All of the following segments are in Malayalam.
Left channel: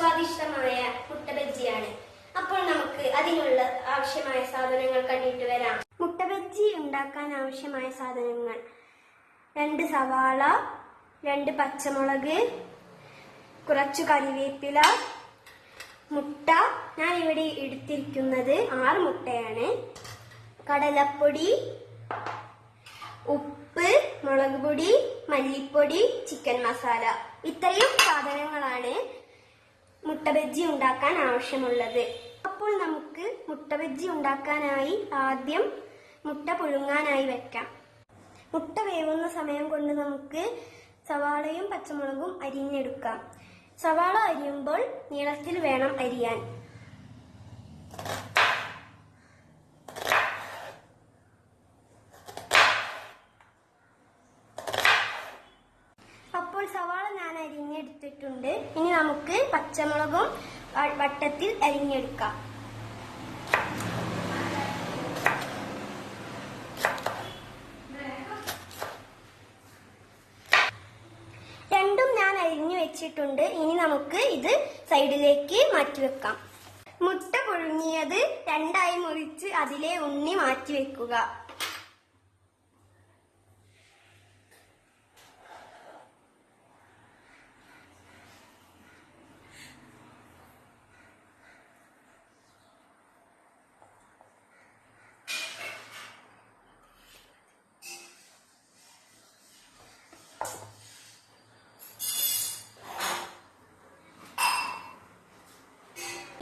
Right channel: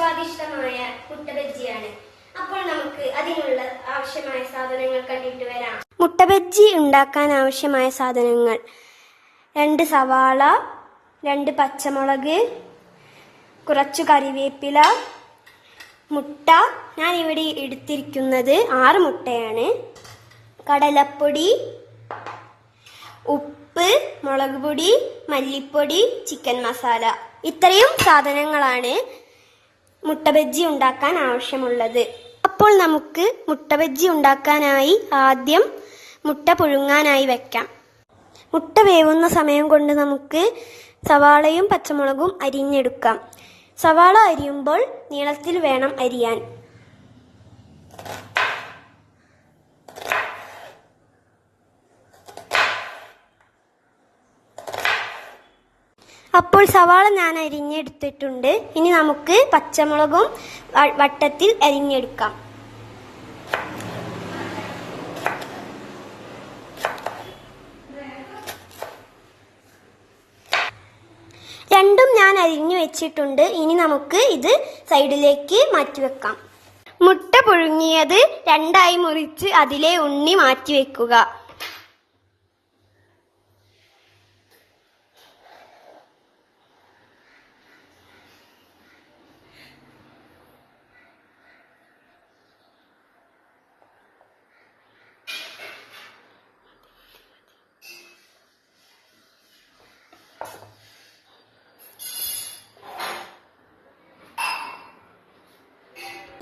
സ്വാദിഷ്ടമായ മുട്ട ബജ്ജിയാണ്. അപ്പോൾ നമുക്ക് അതിനുള്ള ആവശ്യമായ സാധനങ്ങൾ കണ്ടിട്ട് വരാം. മുട്ട ബജ്ജി ഉണ്ടാക്കാൻ ആവശ്യമായ സാധനങ്ങൾ: 2 സവാള, 2 പച്ചമുളക്, കുറച്ചു കറിവേപ്പില, മുട്ട. ഞാൻ ഇവിടെ എടുത്തിരിക്കുന്നത് 6 മുട്ടയാണ്. കടലപ്പൊടി, ഉപ്പ്, മുളക് പൊടി, മല്ലിപ്പൊടി, ചിക്കൻ മസാല. ഇത്രയും സാധനങ്ങളാണ് മുട്ട ബജ്ജി ഉണ്ടാക്കാൻ ആവശ്യമുള്ളത്. അപ്പോൾ നമുക്ക് മുട്ട ബജ്ജി ഉണ്ടാക്കാനായി ആദ്യം മുട്ട പുഴുങ്ങാനായി വെക്കാം. മുട്ട വേവുന്ന സമയം കൊണ്ട് നമുക്ക് സവാളയും പച്ചമുളകും അരിഞ്ഞെടുക്കാം. സവാള അരിയുമ്പോൾ നീളത്തിൽ വേണം അരിയാൻ. അപ്പോൾ സവാള ഞാൻ അരിഞ്ഞെടുത്തിട്ടുണ്ട്. ഇനി നമുക്ക് പച്ചമുളകും വട്ടത്തിൽ അരിഞ്ഞെടുക്കാം. രണ്ടും ഞാൻ അരിഞ്ഞു വെച്ചിട്ടുണ്ട്. ഇനി നമുക്ക് ഇത് സൈഡിലേക്ക് മാറ്റിവെക്കാം. മുട്ട പുഴുങ്ങിയത് 2ആയി മുറിച്ച് അതിലെ ഉണ്ണി മാറ്റിവെക്കുക.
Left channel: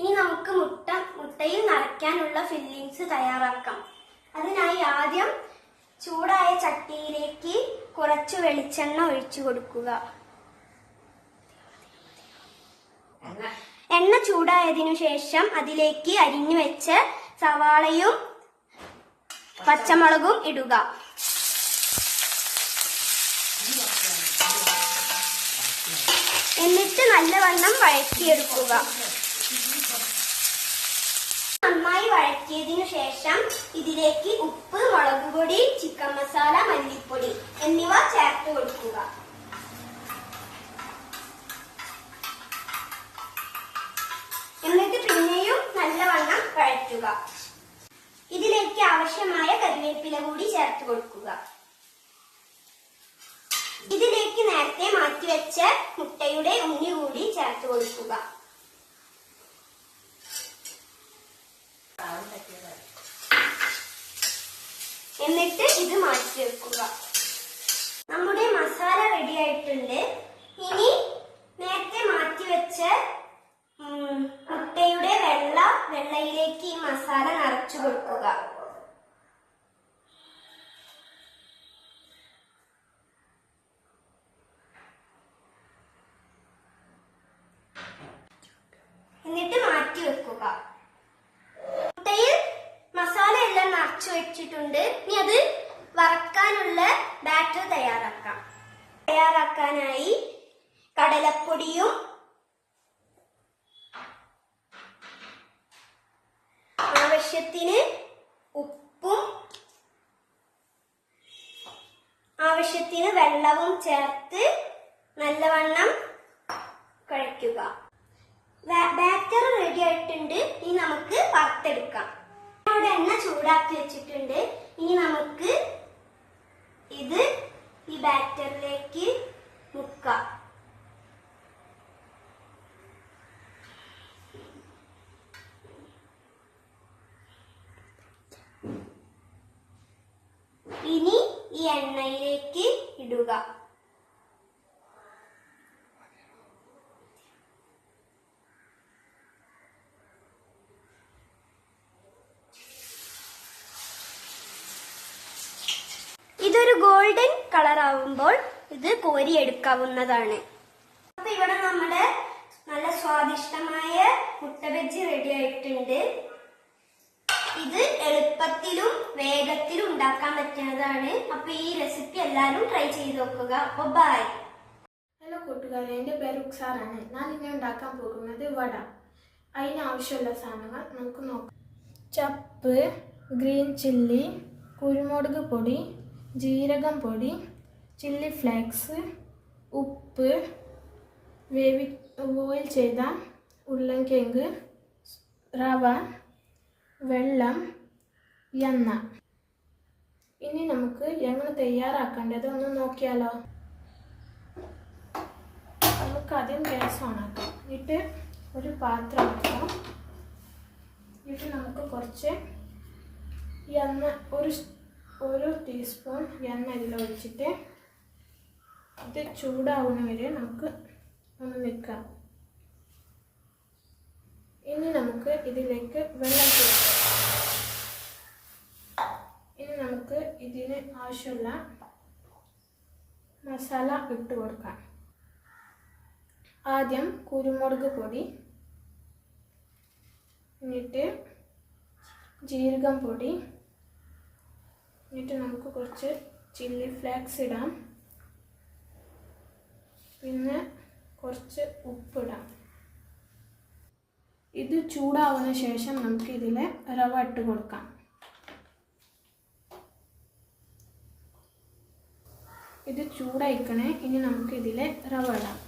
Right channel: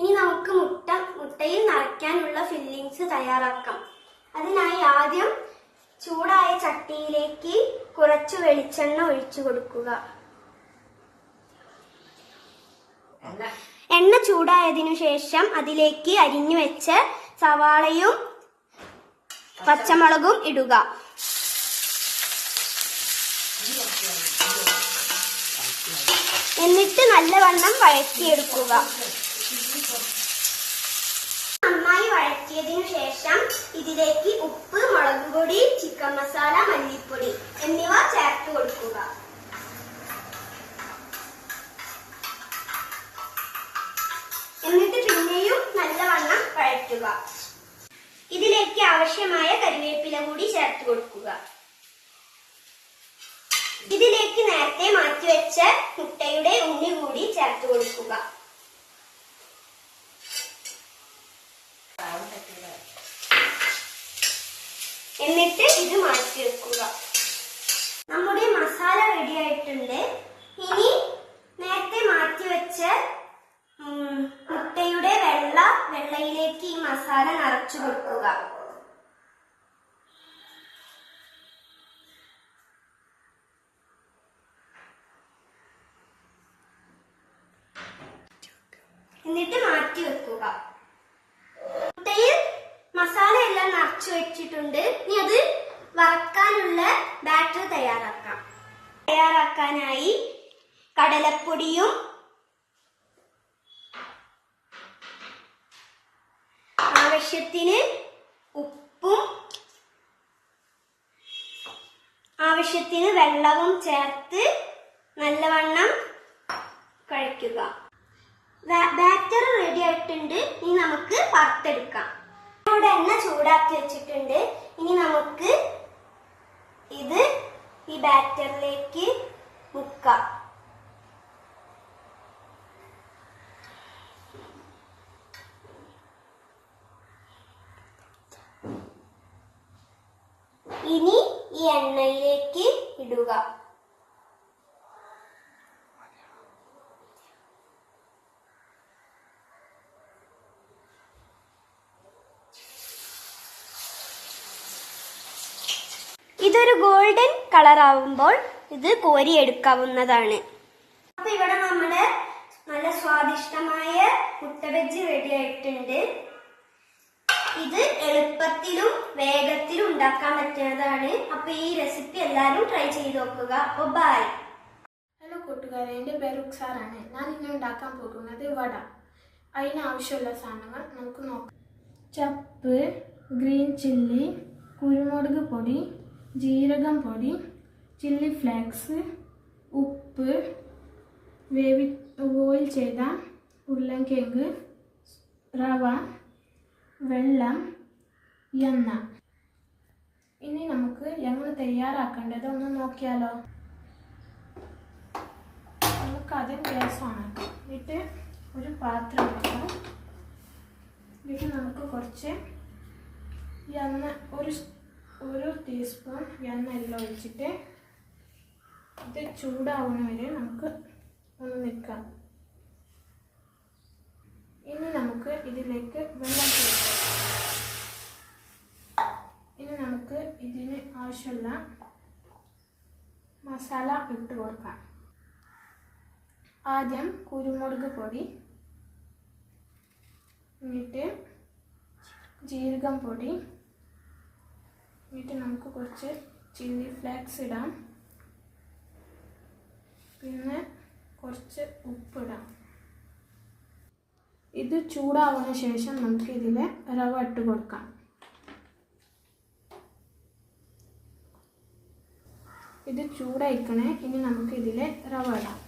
ഇനി നമുക്ക് മുട്ടയിൽ നിറയ്ക്കാനുള്ള ഫില്ലിങ്സ് തയ്യാറാക്കാം. അതിനായി ആദ്യം ചൂടായ ചട്ടിയിലേക്ക് കുറച്ച് വെളിച്ചെണ്ണ ഒഴിച്ചു കൊടുക്കുക. എണ്ണ ചൂടായതിനു ശേഷം അതിലേക്ക് അരിഞ്ഞു വെച്ച സവാളയും പച്ചമുളകും ഇടുക. എന്നിട്ട് നല്ലവണ്ണം വഴറ്റിയെടുക്കുക. നന്നായി വഴറ്റിയതിനു ശേഷം ഇതിലേക്ക് ഉപ്പ്, മുളക് പൊടി, ചിക്കൻ മസാല, മല്ലിപ്പൊടി എന്നിവ ചേർത്ത് കൊടുക്കുക. എന്നിട്ട് പിന്നെയും നല്ലവണ്ണം വഴറ്റുക. ഇതിലേക്ക് ആവശ്യമായ കറിവേപ്പില കൂടി ചേർത്ത് കൊടുക്കുക. ഇതിലേക്ക് നേരത്തെ മാറ്റിവെച്ച മുട്ടയുടെ ഉണ്ണി കൂടി ചേർത്ത് കൊടുക്കുക. എന്നിട്ട് ഇത് മാറ്റി വെക്കുക. നമ്മുടെ മസാല റെഡി ആയിട്ടുണ്ട്. ഇനി നേരത്തെ മാറ്റിവെച്ച മുട്ടയുടെ വെള്ളയിലേക്ക് ഈ മസാല നിറച്ചു കൊടുക്കുക. എന്നിട്ട് മാറ്റി വെക്കുക. മുട്ടയിൽ മസാല എല്ലാം നിറച്ചു വെച്ചിട്ടുണ്ട്. ഇനി അത് വറക്കാനുള്ള ബാറ്റർ തയ്യാറാക്കാം. തയ്യാറാക്കാനായി കടലപ്പൊടിയും ആവശ്യത്തിന് ഉപ്പും ആവശ്യത്തിന് വെള്ളവും ചേർത്ത് നല്ലവണ്ണം കുഴയ്ക്കുക. ബാറ്റർ റെഡി ആയിട്ടുണ്ട്. ഇനി നമുക്ക് വറുത്തെടുക്കാം. ഇവിടെ എണ്ണ ചൂടാക്കി വെച്ചിട്ടുണ്ട്. ഇനി നമുക്ക് ഇത് ഈ ബാറ്ററിലേക്ക് മുക്കാം. ഇനി ഈ എണ്ണയിലേക്ക് ഇടുക. ഇതൊരു ഗോൾഡൻ കളർ ആവുമ്പോൾ ഇത് കോരിയെടുക്കാവുന്നതാണ്. അപ്പൊ ഇവിടെ നമ്മുടെ നല്ല സ്വാദിഷ്ടമായ മുട്ട ബജ്ജി റെഡി ആയിട്ടുണ്ട്. ഇത് എളുപ്പത്തിലും വേഗത്തിലും ഉണ്ടാക്കാൻ പറ്റുന്നതാണ്. അപ്പൊ ഈ റെസിപ്പി എല്ലാവരും ട്രൈ ചെയ്ത് നോക്കുക. അപ്പൊ ബൈ. ഹലോ കൂട്ടുകാരെ, എൻ്റെ പേര് റുക്സാറാണ്. ഞാൻ ഇന്ന് ഉണ്ടാക്കാൻ പോകുന്നത് വട. അതിനാവശ്യമുള്ള സാധനങ്ങൾ നമുക്ക് നോക്കാം. ചപ്പ്, ഗ്രീൻ ചില്ലി, കുരുമുളക് പൊടി, ജീരകം പൊടി, ചില്ലി ഫ്ലേക്സ്, ഉപ്പ്, ബോയിൽ ചെയ്ത ഉരുളൻകിഴങ്ങ്, റവ, വെള്ളം, എണ്ണ. ഇനി നമുക്ക് എങ്ങനെ തയ്യാറാക്കേണ്ടത് ഒന്ന് നോക്കിയാലോ. നമുക്ക് ആദ്യം ഗ്യാസ് ഓണാക്കാം. എന്നിട്ട് ഒരു പാത്രം എടുക്കാം. എന്നിട്ട് നമുക്ക് കുറച്ച് എണ്ണ, ഒരു ടീസ്പൂൺ എണ്ണ ഇതിൽ ഒഴിച്ചിട്ട് ഇത് ചൂടാവുന്ന വരെ നമുക്ക് ഒന്ന് നിൽക്കാം. ഇനി നമുക്ക് ഇതിലേക്ക് വെള്ളം ചേർക്കാം. ഇനി നമുക്ക് ഇതിന് ആവശ്യമുള്ള മസാല ഇട്ട് കൊടുക്കാം. ആദ്യം കുരുമുളക് പൊടി, എന്നിട്ട് ജീരകം പൊടി, എന്നിട്ട് നമുക്ക് കുറച്ച് ചില്ലി ഫ്ലേക്സ് ഇടാം, പിന്നെ കുറച്ച് ഉപ്പിടാം. ഇത് ചൂടാവുന്ന ശേഷം നമുക്ക് ഇതിൽ റവ ഇട്ട് കൊടുക്കാം. ഇത് ചൂടായിക്കണേ. ഇനി നമുക്ക് ഇതിൽ റവ ഇടാം.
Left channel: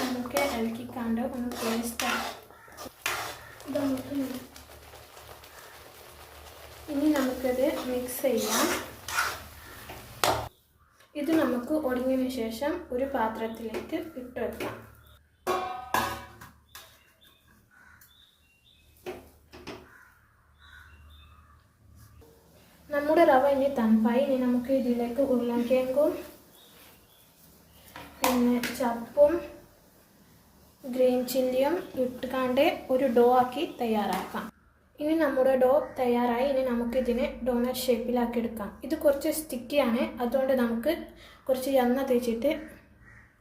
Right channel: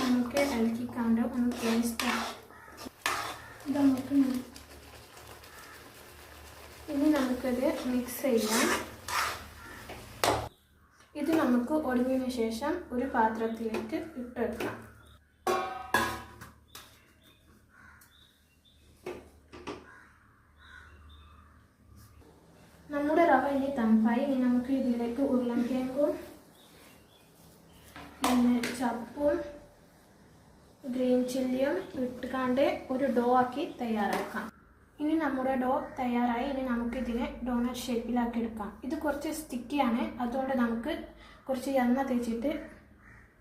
നമുക്ക് ഇളക്കിക്കാണ്ട് ഒന്ന് ടേസ്റ്റ് ആക്കാം. ഇനി നമുക്കത് മിക്സ് ചെയ്യാം. ഇത് നമുക്ക് ഒടിഞ്ഞതിന് ശേഷം ഒരു പാത്രത്തിലേക്ക് ഇട്ട് വെക്കാം. നമ്മുടെ റവ ഇനി തണുപ്പായി. ഇനി നമുക്ക് ഇതിലേക്ക് ഉരുളൻകിഴങ്ങും പിന്നെ ചപ്പും ഗ്രീൻ ചില്ലിയും ഇട്ടുകൊണ്ട് ഒരു ഡോ ആക്കി തയ്യാറാക്കാം. ഇനി നമ്മുടെ ഡോ തയ്യാറായി. ഇനി നമുക്കിതിനെ ഡോണറ്റ് ഷേപ്പിലാക്കി എടുക്കാം. ഇത് കുറച്ച് സ്റ്റിക്കിയാണ്, അതുകൊണ്ട് നമുക്ക് കുറച്ച് എണ്ണ തേച്ചിട്ട്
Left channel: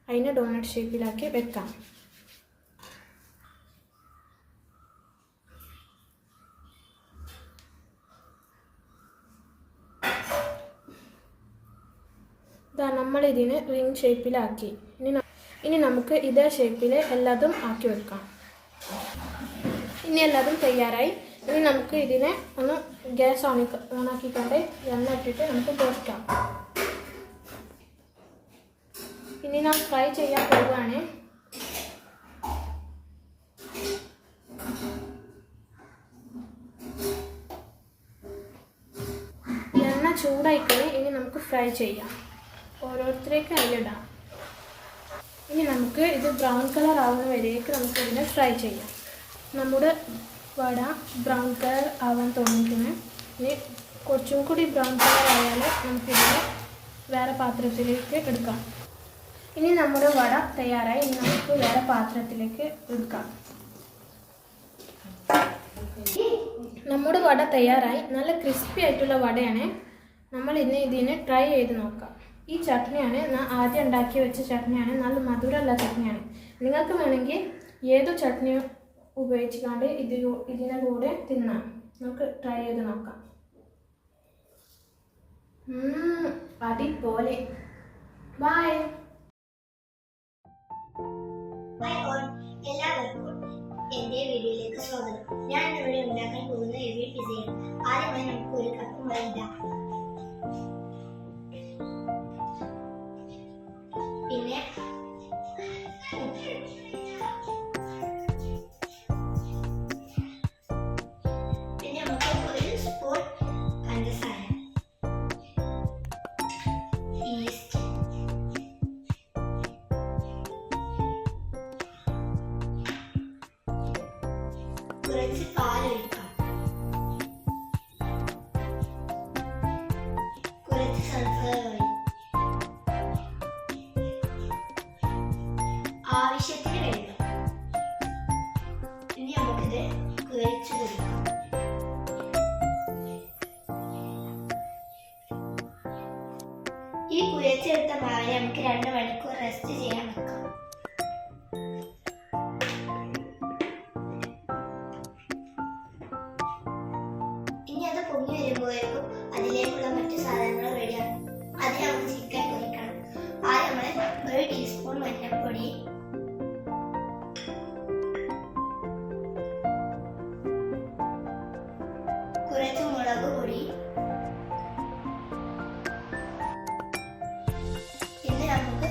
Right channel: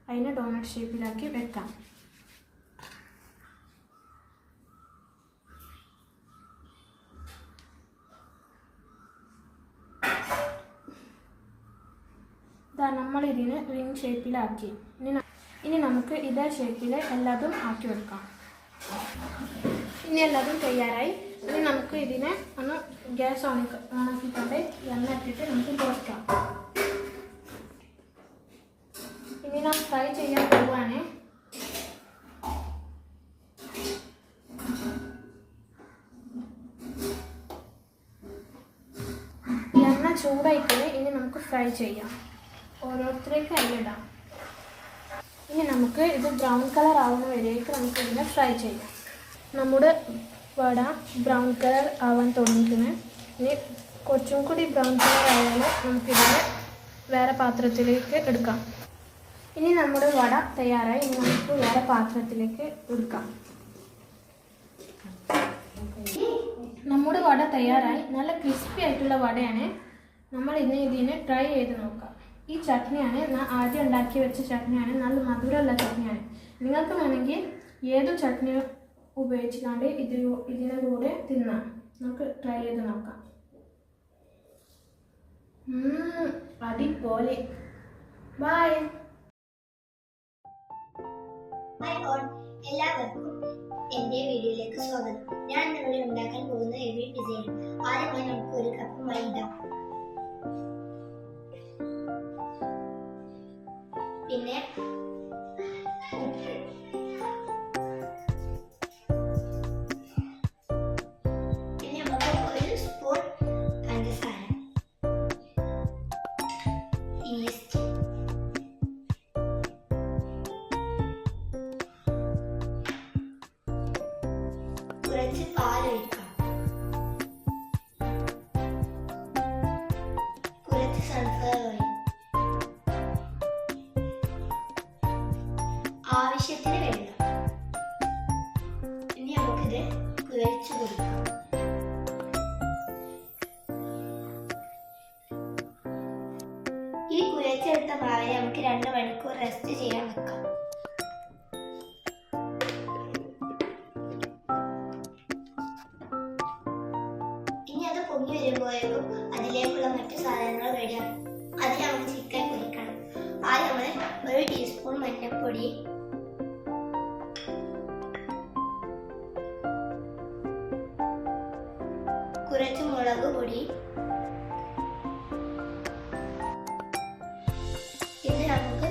അതിനെ ഡോണറ്റ് ഷേപ്പിലാക്കി വെക്കാം. ഇതാ നമ്മളിതിന് റിംഗ് ഷേപ്പിലാക്കി. ഇനി നമുക്ക് ഇതേ ഷേപ്പിൽ എല്ലാതും ആക്കി വെക്കാം. ഇനി എല്ലാതും തയ്യാറായി. ഇനി നമുക്ക് ഇതിനെ ഒന്ന് ഗ്യാസ് ഓണാക്കിക്കൊണ്ട് എണ്ണ ഇട്ടിട്ട് നമുക്ക് പൊരിക്കാം. ഇനി നാം ഫ്രൈ ചെയ്യാൻ പോവുകയാണ്. എണ്ണ ചൂടായിക്കഴിഞ്ഞ് ഇനി നമുക്ക് ഫ്രൈ ചെയ്യാം. ഓരോരുത്തരേക്ക് അതിലിടാം. ഇനി നമുക്ക് ഇത് ബ്രൗൺ കളർ ആവുന്ന വരേക്ക് നമുക്ക് ഇതിനെ ഫ്രൈ ചെയ്യാം. നമ്മുടെ വട ബ്രൗൺ കളർ ആവാൻ തുടങ്ങിയിട്ടുണ്ട്. ഇനി കുറച്ചും കൂടി ബ്രൗൺ കളർ ആയാൽ നമുക്കിതിനെ വേറെ പാത്രത്തിലേക്ക് എടുക്കാം. ഇനി നമ്മുടെ വട തയ്യാറായി. ഇനി നമുക്ക് വേറെ പാത്രത്തിലേക്ക് എടുക്കാം. നമ്മുടെ വട തയ്യാറായി. നല്ല ക്രിസ്പി ആയിട്ടുള്ള വടയാണ്. നമ്മൾ ഇന്ന് ഇതിനെ ട്രൈ ചെയ്ത് നോക്കാം. ഈ ചട്നിയാണ് ഞാൻ ആദ്യം ഉണ്ടാക്കി വെച്ച ചട്നിയാണ്. നല്ല മധുരമുള്ള ചട്നിയാണ്. നിങ്ങൾക്ക് വേണമെങ്കിൽ ഏത് ചട്നി ഉപയോഗിച്ചുകൊണ്ട് ഇതിൻ്റെ കൂടെ തിന്നാം. നമുക്ക് ട്രൈ ചെയ്ത് നോക്കാം. അടിപൊളി. ബൈ. എല്ലാവർക്കും എൻ്റെ വീഡിയോയിലേക്ക് സ്വാഗതം. ഞാൻ ഇവിടെ ഉണ്ടാക്കാൻ പോകുന്ന ഹെവി പിസയാണ്. ആദ്യമായി നമുക്ക് ഒരു കപ്പ് മൈദ, പിന്നെ ഉപ്പ്, പിന്നെ നമുക്ക് ഒരു സ്പൂൺ പഞ്ചസാര, ഈസ്റ്റ്, കുറച്ച് പാലൊഴിക്കാം, കുറച്ച് സൺഫ്ലവർ ഓയിൽ, ആവശ്യത്തിന് വെള്ളം. ഇനി നമുക്കിത് കുഴച്ചു കൊടുക്കാം. ഈ കുഴച്ചെടുത്ത മാവിനെ നമുക്ക് 2 മണിക്കൂർ റെസ്റ്റ് ചെയ്യാൻ വെക്കാം. ഇനി അത് പൊങ്ങി വരുമ്പോഴേക്കും അതിലേക്കുള്ള മറ്റു സാധനങ്ങൾ റെഡിയാണ്. അതിന് നമുക്ക് ചിക്കൻ പൊരിക്കണം. ആദ്യം നമ്മൾ 1 ടീസ്പൂൺ മഞ്ഞൾപ്പൊടി, കുറച്ച് മുളക് പൊടി, പിന്നെ നമുക്ക്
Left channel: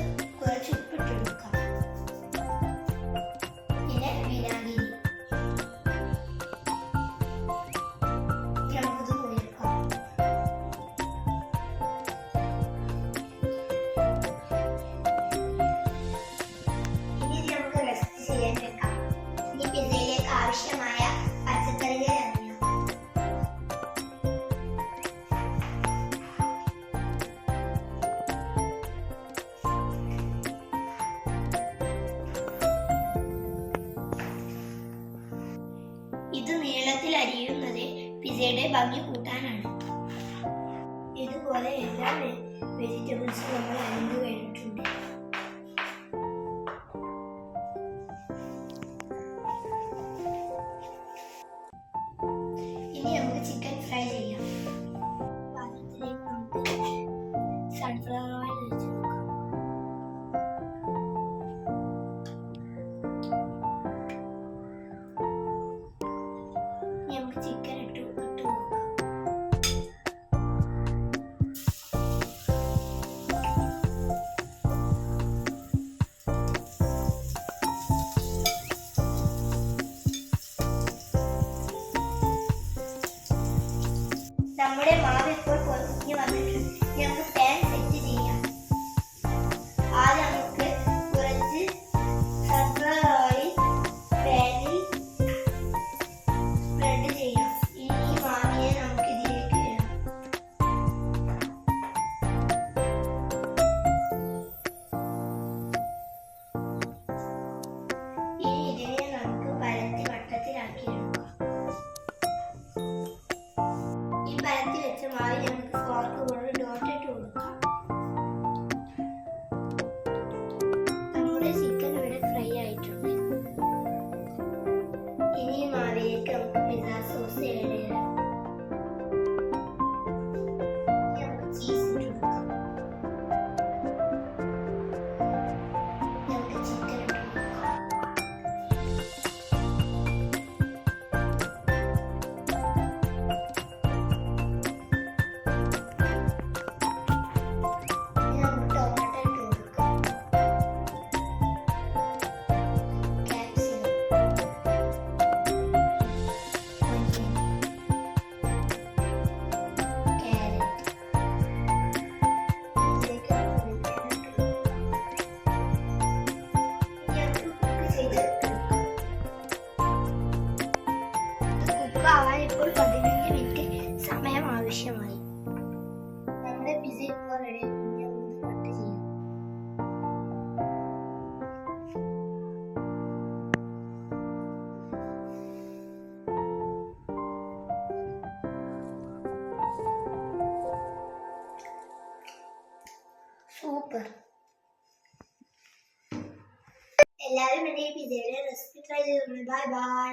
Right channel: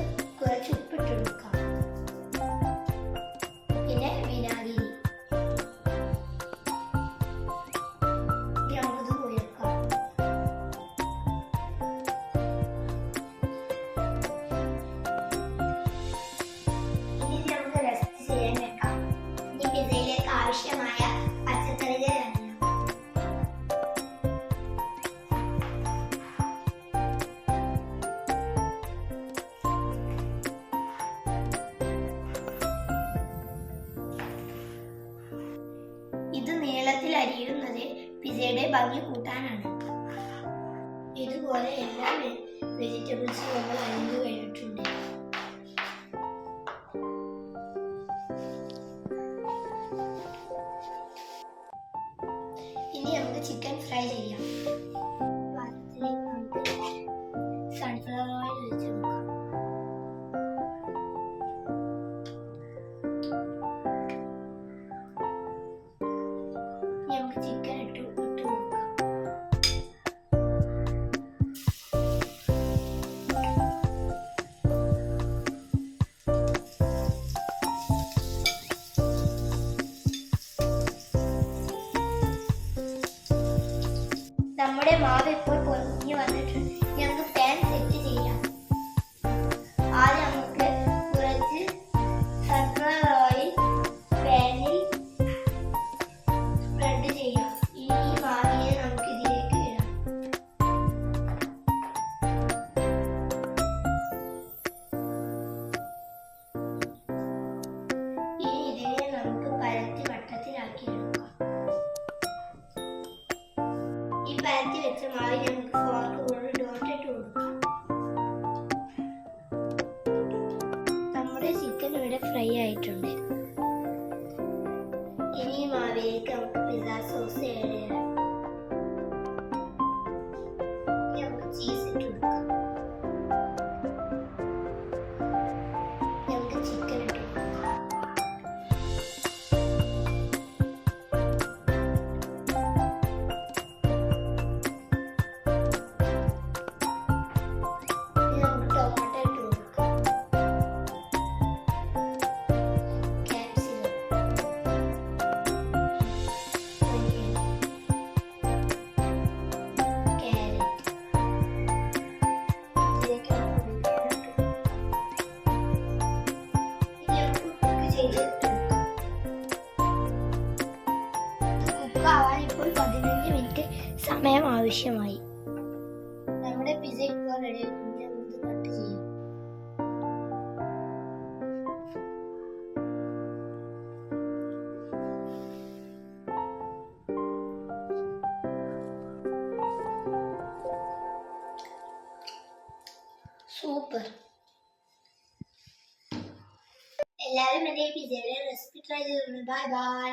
ഇത് നീളത്തിൽ അരിയുന്നത് പിസയുടെ ഭംഗി കൂട്ടാനാണ്. ഇതുപോലെ എല്ലാ വെജിറ്റബിൾസും നമ്മൾ അരിഞ്ഞു കഴിഞ്ഞിട്ടുണ്ട്. ഇനി നമുക്ക് ചിക്കൻ ഫ്രൈ ചെയ്യാം. പാത്രത്തിലേക്ക് നമുക്ക് സൺഫ്ലവർ ഓയിൽ ഒഴിച്ച് കൊടുക്കാം. ഇനി നമുക്ക് ചിക്കൻ ഇട്ട് കൊടുക്കാം. നമ്മുടെ മാവ് ഇപ്പോൾ പൊങ്ങി വന്നിട്ടുണ്ട്. ഇനി നമുക്ക് പാൻ സെറ്റ് ചെയ്യാം. ആദ്യം നമുക്ക് കുറച്ച് സൺഫ്ലവർ ഓയിൽ പാനിൽ സ്പ്രെഡ് ചെയ്യാം. ഈ മാവിനെ നമുക്ക് ഇതിലേക്ക് ഇടാം. ഇനി ഇതിനെ നമുക്ക് പരത്തി വട്ടത്തിലാക്കി എടുക്കാം. ഈ പരത്തി വെച്ച മാവിൽ നമുക്ക് ഫോർക്ക് കൊണ്ട് ഡോട്ട് ഇട്ട് കൊടുക്കാം. നമ്മുടെ ചിക്കൻ ഇവിടെ ഫ്രൈ ആയിട്ടുണ്ട്. ഇനി ഈ മാവിലേക്ക് നമുക്ക് പിസ്സ സോസ് ആഡ് ചെയ്യാം. ഇനി നമുക്ക് ചീസ് ഇട്ട് കൊടുക്കാം. നമുക്ക് ചിക്കൻ ഇട്ട് കൊടുക്കാം. ഇപ്പോൾ 15 മിനിറ്റ് സമയം ആവശ്യമായി. നമ്മുടെ പിസ്സ ഇപ്പോൾ റെഡി. നമുക്ക് കട്ട് ചെയ്യാം. സൂപ്പർ. എല്ലാവരും എൻ്റെ ഈ പിസ്സയുടെ റെസിപ്പി ട്രൈ ചെയ്തിട്ടുണ്ട്. Bye bye.